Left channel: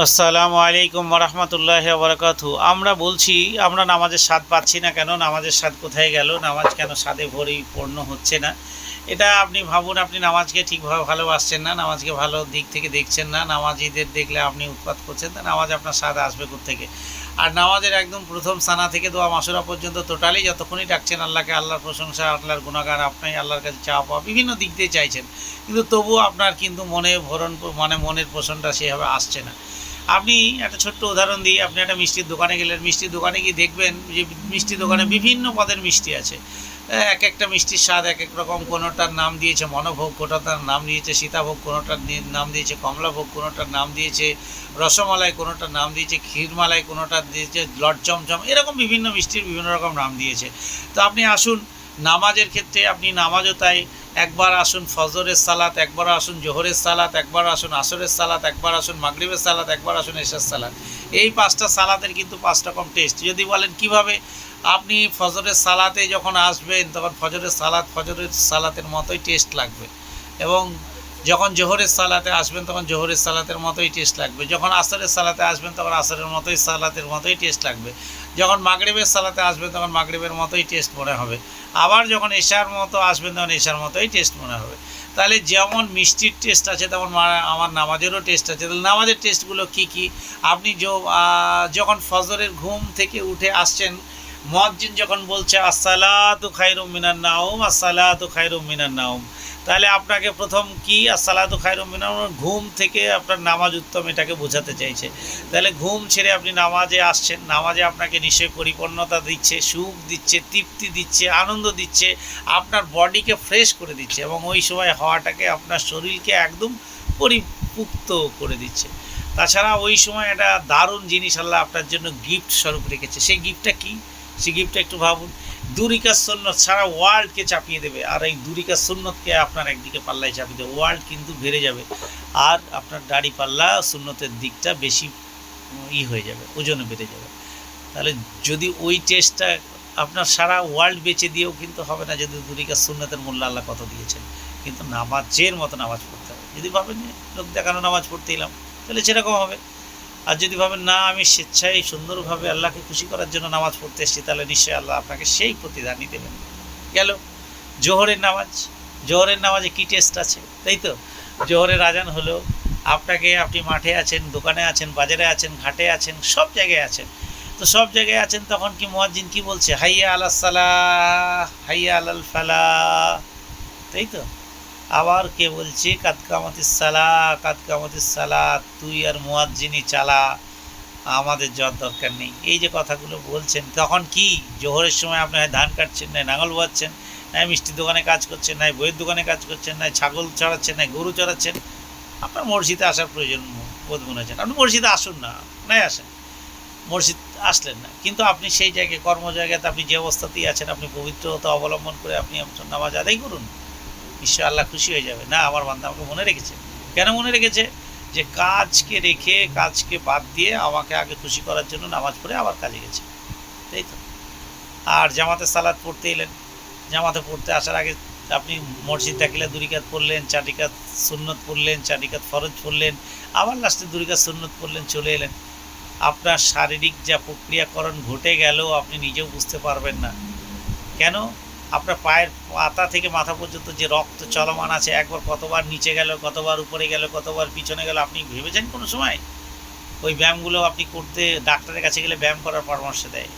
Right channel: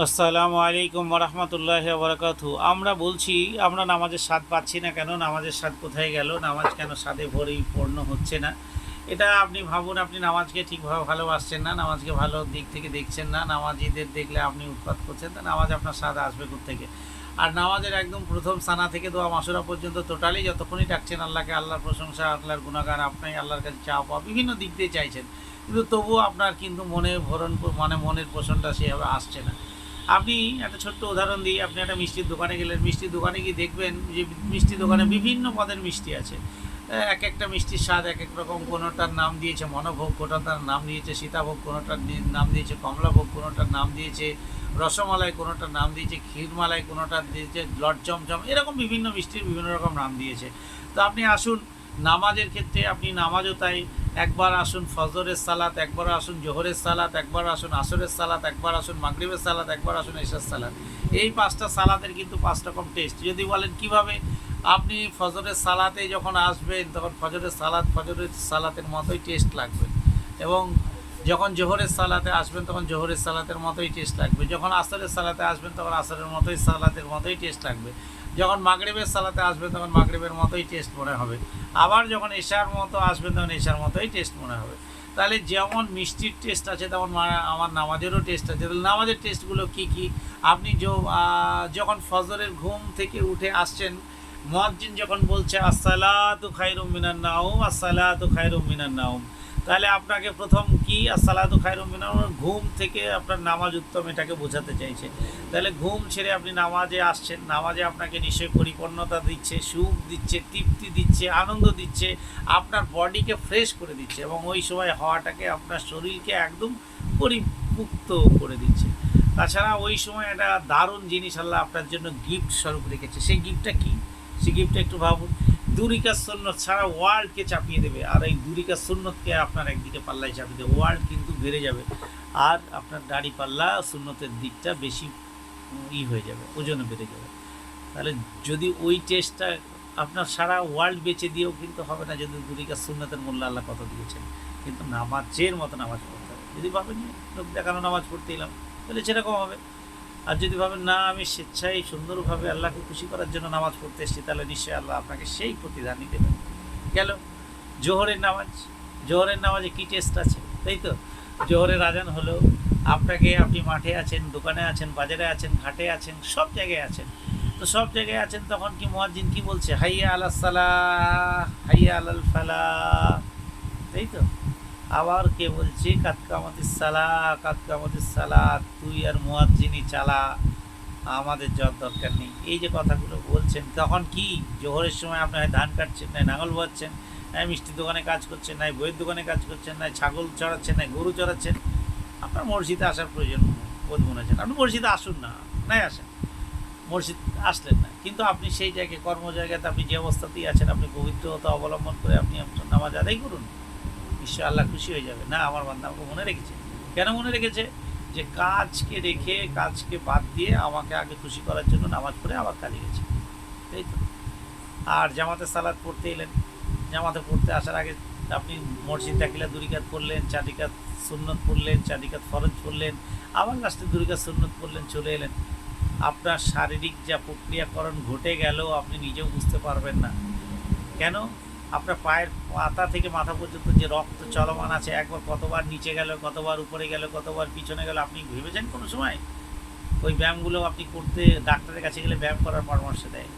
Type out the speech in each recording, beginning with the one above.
আসসালামু আলাইকুম রহমতুল্লাহ বরকাতু আমরা বলছি, আমরা নামাজের স্বাদ পাচ্ছি না কেন? নামাজের স্বাদ কোথায় গেল? নামাজ কেন স্বাদে ভরেই পূর্ণ হচ্ছে না? এটা আপনি ভাবুন, আপনি নামাজকে ঠিকভাবে ভালোবাসছেন না, নামাজকে ভালো দিক থেকে দেখছেন না নামাজিদের দেখলে আপনি উৎপাত করছেন তা নামাজ আপনার স্বাদ আসবে থেকে আর নামাজের একদম প্রথম সানা থেকে দোয়া মাসুরা পর্যন্ত টোটালি যতক্ষণই ডাকছেন আল্লাহকে, আল্লাহর প্রশংসা, আল্লাহর গুণাগান আপনি আল্লাহর কাছে চা পাওয়া বিভিন্ন দিক দিয়ে চাইছেন। কিন্তু তবুও আপনার কিন্তু মনে ভরণ মানে মনের পোষণটা সেভাবে আসছে না। আপনি একটা ছোট্ট উদাহরণ দিই, আপনি একটা মিষ্টির দোকানে গেলেন, মিষ্টির দোকানে গিয়ে দেখবেন যে মিষ্টির দোকানে বিভিন্ন পদের মিষ্টি আছে। এক একটা মিষ্টির স্বাদ এক এক রকম, কোনোটার নাম দিয়েছে মনোভোগ, কোনোটার নাম দিয়েছে সীতাভোগ, কোনোটার নাম দিয়েছে কমলাভোগ, কোনোটার নাম দিয়েছে রসমালাই, কোনোটার নাম দিয়েছে ক্ষীরমালাই, কোনোটার দিয়েছে লট চমচম এরকম বিভিন্ন মিষ্টির বিভিন্ন রকম নাম দিয়েছে। তো আপনি আসুন নামাজের ক্ষেত্রে আপনি নামাজও তাই, একবার আসুন ফজরের সালাত, একবার আসুন জোহরের সালাত, একবার আসুন আসরের সালাত, একবার আসুন মাগরিবের সালাত, একবার আসুন এশার সালাত। এই পাঁচটা সালাতের কিন্তু পাঁচ রকম টেস্ট। যদি বলেন কীভাবে আপনি ফজরের সালাতে যখন আসবেন, তখন ফজরের সালাত ফজরের সালাতের মতোই টেস্ট লাগবে। এবং যখন জোহরের সালাতে আসবেন, তখন জোহরের সালাতের মতোই টেস্ট লাগবে। যখন আসরের সালাতে আসবেন, তখন আসরের মতোই সালাতের মতোই টেস্ট লাগবে। যখন মাগরিবের সালাতে আসবেন তখন মাগরিবের মতোই টেস্ট মনে হবে। আবার যখন এশার মতো আসবেন তখন এশার মতোই টেস্ট মনে হবে। তাহলে যেমন মিষ্টির টেস্ট আছে, তেমন আমার নামাজেরও টেস্ট আছে। তাহলে নামাজের টেস্টগুলো কী কী? আপনি যখন ফজরের ঘুম থেকে উঠে আসছেন মজ্জিন যখন বলছে, আসসালাতু খাইরুম মিনান নাউম আসসালাতু খাইরুম মিনান নাউম তাহলে আপনাকে প্রথম কি আসসালাতু খাইরুম মিনান ঘুম থেকে আপনার নামাজ উত্তম এটাকে বোঝাতে চাইছে। তাহলে ঘুম ছেড়ে আপনি নামাজে আসছেন। নামাজে আপনাকে নিশ্চয়ই পরিপূর্ণতা দিচ্ছে, সুখ দিচ্ছে, তৃপ্তি দিচ্ছে, আনন্দ দিচ্ছে, আপনার বডিকে ফ্রেশ করে দিচ্ছে এবং ওই সময় হওয়াটাকে আপনার শরীরকে একদম পরিপুক্ত করে দিচ্ছে। তাছাড়া ওই সময় একটা দারুণ জিনিস আল্লাহ আপনার জন্য গিফট স্বরূপ রেখেছে। সেই গিফটটা কি? সেই গিফটটা একটু ভাবুন। দুরিকা সুন্নত সারা ওয়ার্ল্ডকে চাপিয়ে দেবে। আর এই দুরিকা সুন্নতকে আপনার একদিকে পাল্লায় চাপিয়ে দেবে। ওয়ার্ল্ড কিন্তু বেড়ে যাবে। আর আপনার দাড়ি পাল্লা সুন্নতের দিকটা বেশি ই হয়ে যাবে ওজনে বেড়ে যাবে। তাহলে যদি ওই টেস্টটা আপনার সারা ওয়ার্ল্ড বেচে দিয়েও কিন্তু হবে না, যদি দুরিকা সুন্নতের মূল্য আল্লাহ কত দিয়েছেন। কিন্তু নামাজের মতো নামাজ পড়তে হবে। যদি ভাবেন লোক দেখানো নামাজ পড়তে এলাম, তাহলে সেরকম হবে। আর যদি ভাবেন, না, আমি স্বেচ্ছায় সুন্দরভাবে আল্লাহকে খুশি করার জন্য নামাজ পড়তে এসেছি, তাহলে নিশ্চয়ই আল্লাহ আপনাকে সেই প্রতিদানই দেবেন। গেল। জোহরের নামাজ, জোহরের নামাজে কী টেস্ট আছে? তাই তো? জোহরের আজান হলো, আপনাকে আপনি মাঠে আছেন, দোকানে আছেন, বাজারে আছেন, ঘাটে আছেন, সব জায়গায় আছেন। তো সব জায়গায় আছেন, তখন কি মুয়াজ্জিন কি বলছে? হাইয়া আলাহ সালাহ, হাইয়া আলাল ফালা তাই তো? আবার কে বলছে? কাতকামতিস সালা কাতকামতিস সালা তুই আর মুয়াজ্জিনই চালা। আমাদের যাওয়ার দরকার নেই। এই যে কথাগুলো বলছেন, তখন কি? জোহরের সময় আপনি হয় ধান কাটছেন, নাই নাঙল বাচ্ছেন নাই মিষ্টির দোকানে কাজ করছেন, নাই বইয়ের দোকানে কাজ করছেন, নাই ছাগল চড়াচ্ছেন, নাই গরু চড়াচ্ছেন। আপনার মসজিদে আসার প্রয়োজন বোধ মনে হচ্ছেন আপনি মসজিদে আসুন না, নাই আসেন। মসজিদ আসলেন না। কিন্তু আপনি সেই জায়গায় কর্ম জায়গাতে আপনি যে অবস্থাতেই আছেন, আপনি পবিত্রতা অবলম্বন করে আপনি আপনার নামাজ আদায় করুন। ঈশ্বর আল্লাহ খুশি হয়ে যাবে। না, আমার বান্ধব আমাকে মনে রেখেছে। কেন মনে রেখেছে? যে কাজকে রেখে, কাজকে বাদ দিয়ে আমাকে আগে খুশি করার জন্য নামাজ পড়ে আবার কাজে গেছে। তাই তো? আর জামাতে সালাদ পড়তে এলেন। জামাতে পড়তে আসার আগে আপনি মসজিদ দাখিলা দুরিকাত পড়লেন, চারিকাত সুন্নত পড়লেন, চারিকাত ফরজ পড়লেন, আবার লাস্টে দুরিকাত সুন্নত পড়লেন, চলে এলেন। আপনার শারীরিক যা প্রক্রিয়াকরণ ঘটে গেল, আপনি নিজেও বুঝতে পারবেন না। কেন? আপনার পায়ের পাতা থেকে মাথা পর্যন্ত যে রক্ত চলমান আছে, একবার কতবার নিচে গেল, কতবার উপরে গেল, কতবার পিছনে গেল, আপনি ভেবেছেন কোনো সময়? ওই ব্যায়ামগুলো আপনি করতে ডাক্তারের কাছে গেলে ব্যায়াম করার পরামর্শ দেয়।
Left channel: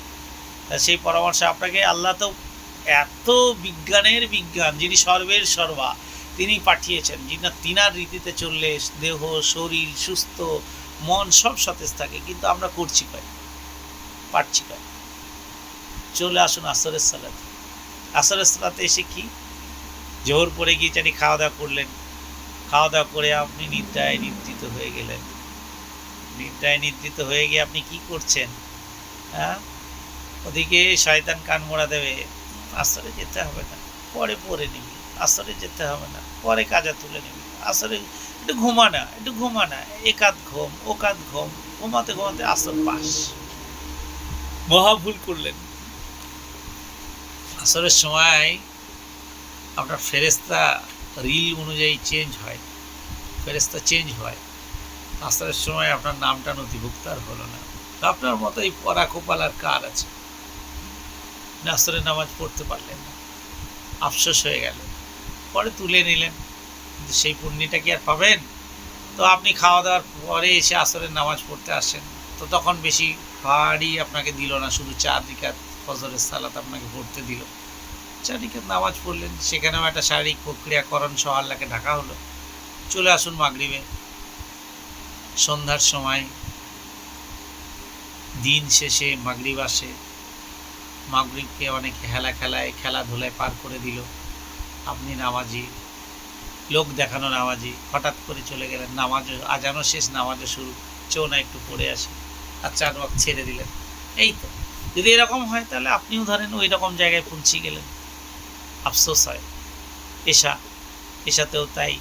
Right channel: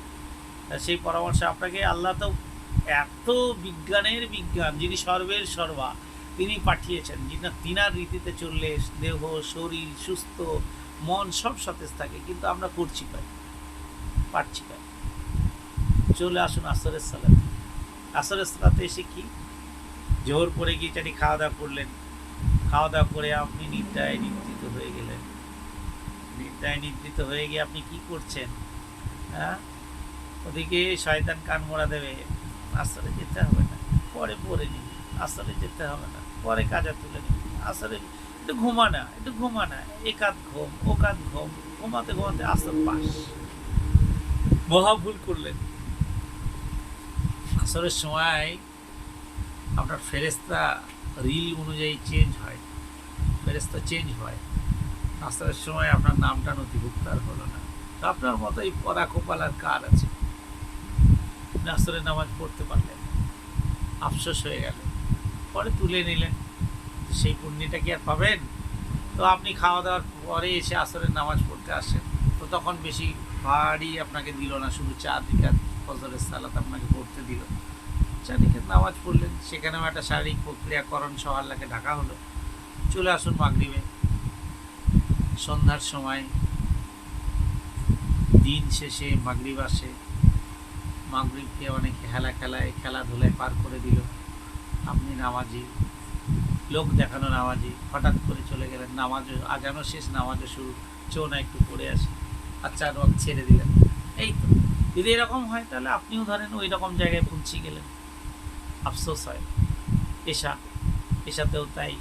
তা সেই পরামর্শ আপনাকে আল্লাহ তো এত বিজ্ঞানের বিজ্ঞান, যিনি সর্বের সর্বা, তিনি পাঠিয়েছেন, যিনি তিনার রীতিতে চললে দেহ, শরীর, সুস্থ, মন সব সতেজ থাকে, কিন্তু আমরা করছি কয়? পারছি কয়? চলে আসুন আসরের সালাতে। আসরের সালাতে এসে কি? জোহর পরে গিয়ে চারি খাওয়া দাওয়া করলেন। খাওয়া দাওয়া করে আপনি নিদ্রায় নিদ্রিত হয়ে গেলেন। নিদ্রায় নিদ্রিত হয়ে গিয়ে আপনি কি করছেন? হ্যাঁ? ওদিকে শয়তান কান মোড়া দেবে, আসরে যেতে হবে না। পরে পরে নিবি, আসরে যেতে হবে না। পরে কাজা তুলে নিবি। আসরে একটু ঘুমা না, একটু ঘুমা না। একাত ঘুম, ওকাত ঘুম, ঘুমাতে ঘুমাতে আসর পাস মহা ভুল করলেন। আসরের সময় আপনার ফেরেস্তা রিল অনুযায়ী চেঞ্জ হয়। ফেরেস্তা চেঞ্জ হয়। আসরের সময় আপনার নামটা নথিভুক্ত আর হলো না। আপনার মতো এই পড়া কোপাল আর কার আছে? আসরের নামাজ পড়তে পারলেন না। আফসোস হয়ে গেল। পরে তুলে নিলেন। সেই পুণ্যিটা কি আর পাবেন? তো আপনি খাওয়া দাওয়ার পরে এসে আসরের নামাজ পড়তে আসেন। তো তখন বেশি ভারী আপনাকে দিল না, শুধু চার রিকাত ফজরের সালাত আপনাকে পড়তে দিল। চার রিকাত নামাজ পড়লেন, সেখানেও একটা শারীরিক প্রক্রিয়াকরণ সহ আল্লাহকে ঢাকা হলো। চলে আসুন মাগরিবে। সন্ধ্যার সময় দিন শেষে মাগরিব আসে। মাগরিবকে অনেকে হেলা খেলায় খেলাধুলায় পার করে দিল। আপনি নামাজি, লোক দেখানো নামাজি, হঠাৎ করে চলে গেলেন নামাজও আজানও শেষ, নামাজও শুরু, চৌনা একটু পড়ে আসে আর চার ছেড়ে দিলেন। এই তো। যদি এরকম হয়, তাহলে আপনিও ধরেন ওই রকম জায়গায় পৌঁছে গেলেন। আফসোস হয়। এশা এশাতেও তাই।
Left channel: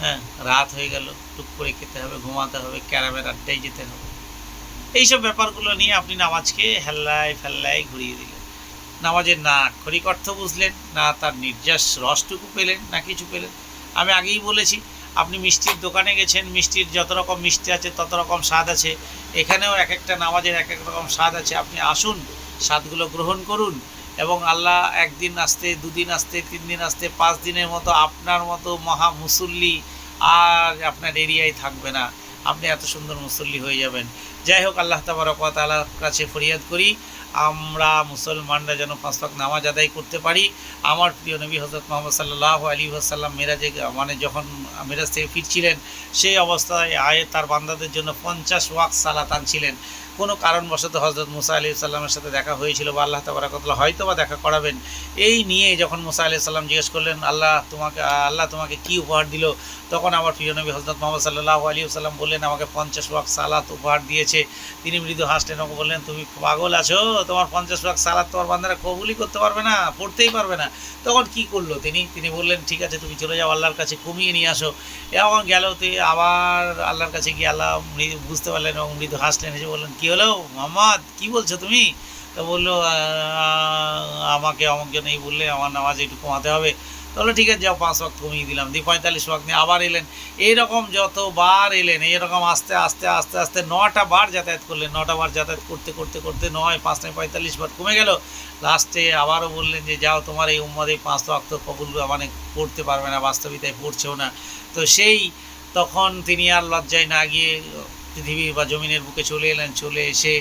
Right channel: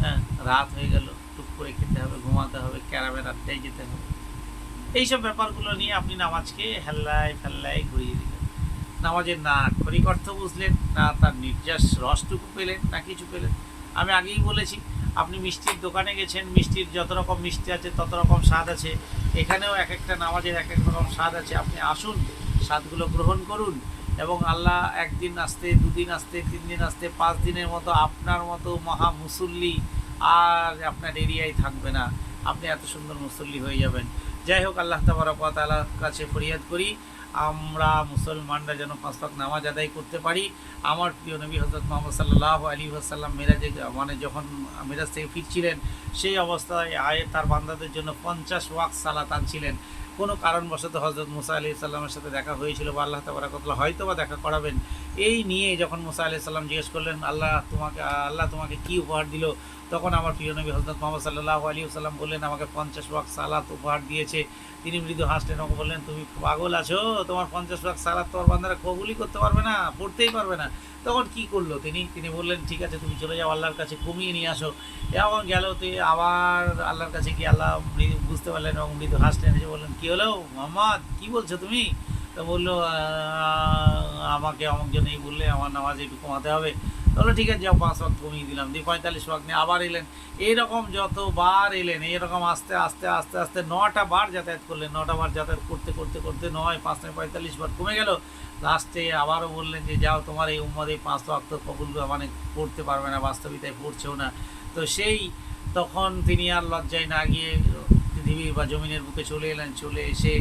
হ্যাঁ রাত হয়ে গেল, টুক করে খেতে হবে, ঘুমাতে হবে, ক্যারামের আড্ডায় যেতে হবে। এইসব ব্যাপারগুলো নিয়ে আপনি নামাজকে হেল্লায় ফেল্লায় ঘুরিয়ে দিলেন। নামাজের না আক্ষরিক অর্থ বুঝলেন, না তার নির্যাস রসটুকু পেলেন, না কিছু পেলেন। আমি আগেই বলেছি, আপনি মিষ্টির দোকানে গেছেন, মিষ্টির যত রকম মিষ্টি আছে, তত রকম স্বাদ আছে। এখানেও এক একটা নামাজের এক এক রকম স্বাদ আছে। আপনি আসুন, স্বাদগুলো গ্রহণ করুন এবং আল্লাহ একদিন আসতে, দুদিন আসতে তিন দিন আসতে, পাঁচ দিনের মতো আপনার মতো মহা মুসল্লি আর আপনার এরিয়ায় থাকবে না। আপনি এত সুন্দর মুসল্লি হয়ে যাবেন। যাই হোক, আল্লাহ তাবারকালার কাছে ফরিয়াদ করি। আমরা মুসলমানরা যেন পাঁচ ওয়াক্ত নামাজ আদায় করতে পারি। আমার প্রিয় নবী হজরত মোহাম্মদ সাল্লাহ আলী আসাল্লাম মেরাজে মানে যখন মেরাজ থেকে ফিরছিলেন, সেই অবস্থায় আয়ে তার বান্দাদের জন্য পঞ্চাশ ওয়াক সালাত আনছিলেন। কোনো কারণবশত হজরত মুসা আলি সাল্লামের সাথে দেখা হয়েছিল বা আল্লাহ তাবারাকতলা হয়তো বা দেখা করাবেন। এই নিয়ে যখন মুসা আলি সাল্লাম জিজ্ঞেস করলেন, আল্লাহ তোমাকে আল্লাহ তোমাকে কি উপহার দিল? তখন আমার প্রিয় নবী হজরত মোহাম্মদ সাল্লাহ আলী সাল্লাম বললেন, আমাকে পঞ্চাশ ওয়াক সালাত উপহার দিয়েছে। তিনি মৃদু হাসলেন এবং বললেন, তুমি পাগল আছো তোমার পঞ্চাশ লাখ সালাদ তোমার বান্দারা কবুলই করতে পারবে না, পড়তেই পারবে না। তখন কি করল তিনি? তিনি বললেন, ঠিক আছে, তুমি চলে যাও, আল্লাহর কাছে কমিয়ে নিয়ে আসো। এবং গেল আবার আল্লাহর কাছে গিয়ে আল্লাহ মৃদু বুঝতে পারলেন এবং মৃদু হাসলেন, এসে বললেন, কী হলো মোহাম্মদ? কী বলছো তুমি? তো বলল আমাকে অমুক জন এই বললে আমার নামাজ একটু কমাতে হবে। তাহলে ঠিক আছে, যাও পাঁচ ওয়াক্ত কমিয়ে দিলাম, দিয়ে পঁয়তাল্লিশ ওয়াক্ত নিয়ে আবার এলেন। এইরকম যতবার এলেন, এইরকম আস্তে আস্তে আস্তে আস্তে নটা বার যাতায়াত করলেন, নটা বার যাতায়াত করতে করতে করতে নয়, পাঁচ নয়, পঁয়তাল্লিশ বার কমে গেল। লাস্টে আবারও বললেন যে, যাও তোমার এই উম্মদ এই পাঁচ ওয়াক্ত কবুল মানে পড়তে পারবে না, বাস্তবিতায় পড়ছেও না। তো সেই তখন তিনি আর লজ্জায় না গিয়ে পৃথিবী বা জমিনের বুকে চলে এলেন, চলে এসে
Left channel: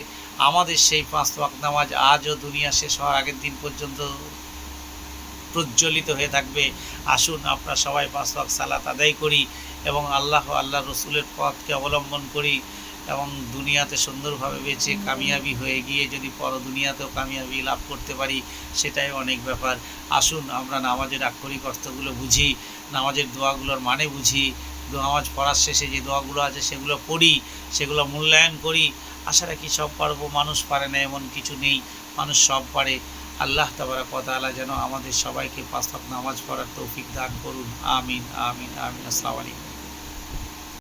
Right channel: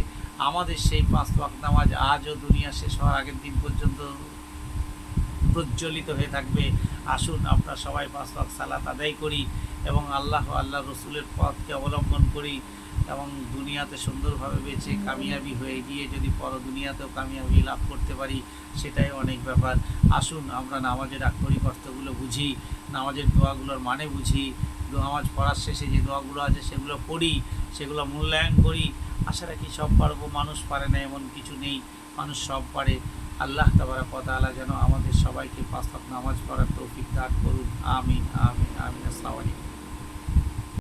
আমাদের সেই পাঁচ ওয়াক্ত নামাজ আজও দুনিয়া শেষ হওয়ার আগের দিন পর্যন্ত প্রজ্বলিত হয়ে থাকবে। আসুন আমরা সবাই পাঁচ ওয়াক্ত সালাত আদায় করি এবং আল্লাহ আল্লাহ রসুলের পথকে অবলম্বন করি এবং দুনিয়াতে সুন্দরভাবে বেঁচে কামিয়াবি হয়ে গিয়ে যদি পর দুনিয়াতেও কামিয়াবি লাভ করতে পারি, সেটাই অনেক ব্যাপার। আসুন আমরা নামাজের আক্ষরিক অর্থগুলো বুঝি, নামাজের দোয়াগুলোর মানে বুঝি, নামাজ পড়ার শেষে যে দোয়াগুলো আছে সেগুলো পড়ি, সেগুলো মূল্যায়ন করি। আশা রাখি সব পারব, মানুষ পারে না এমন কিছু নেই, মানুষ সব পারে। আল্লাহ তাবারা কতালা যেন আমাদের সবাইকে পাঁচ নামাজ পড়ার তৌফিক দান করুন। আমিন আমিন আমিন। আসসালামু আলাইকুম।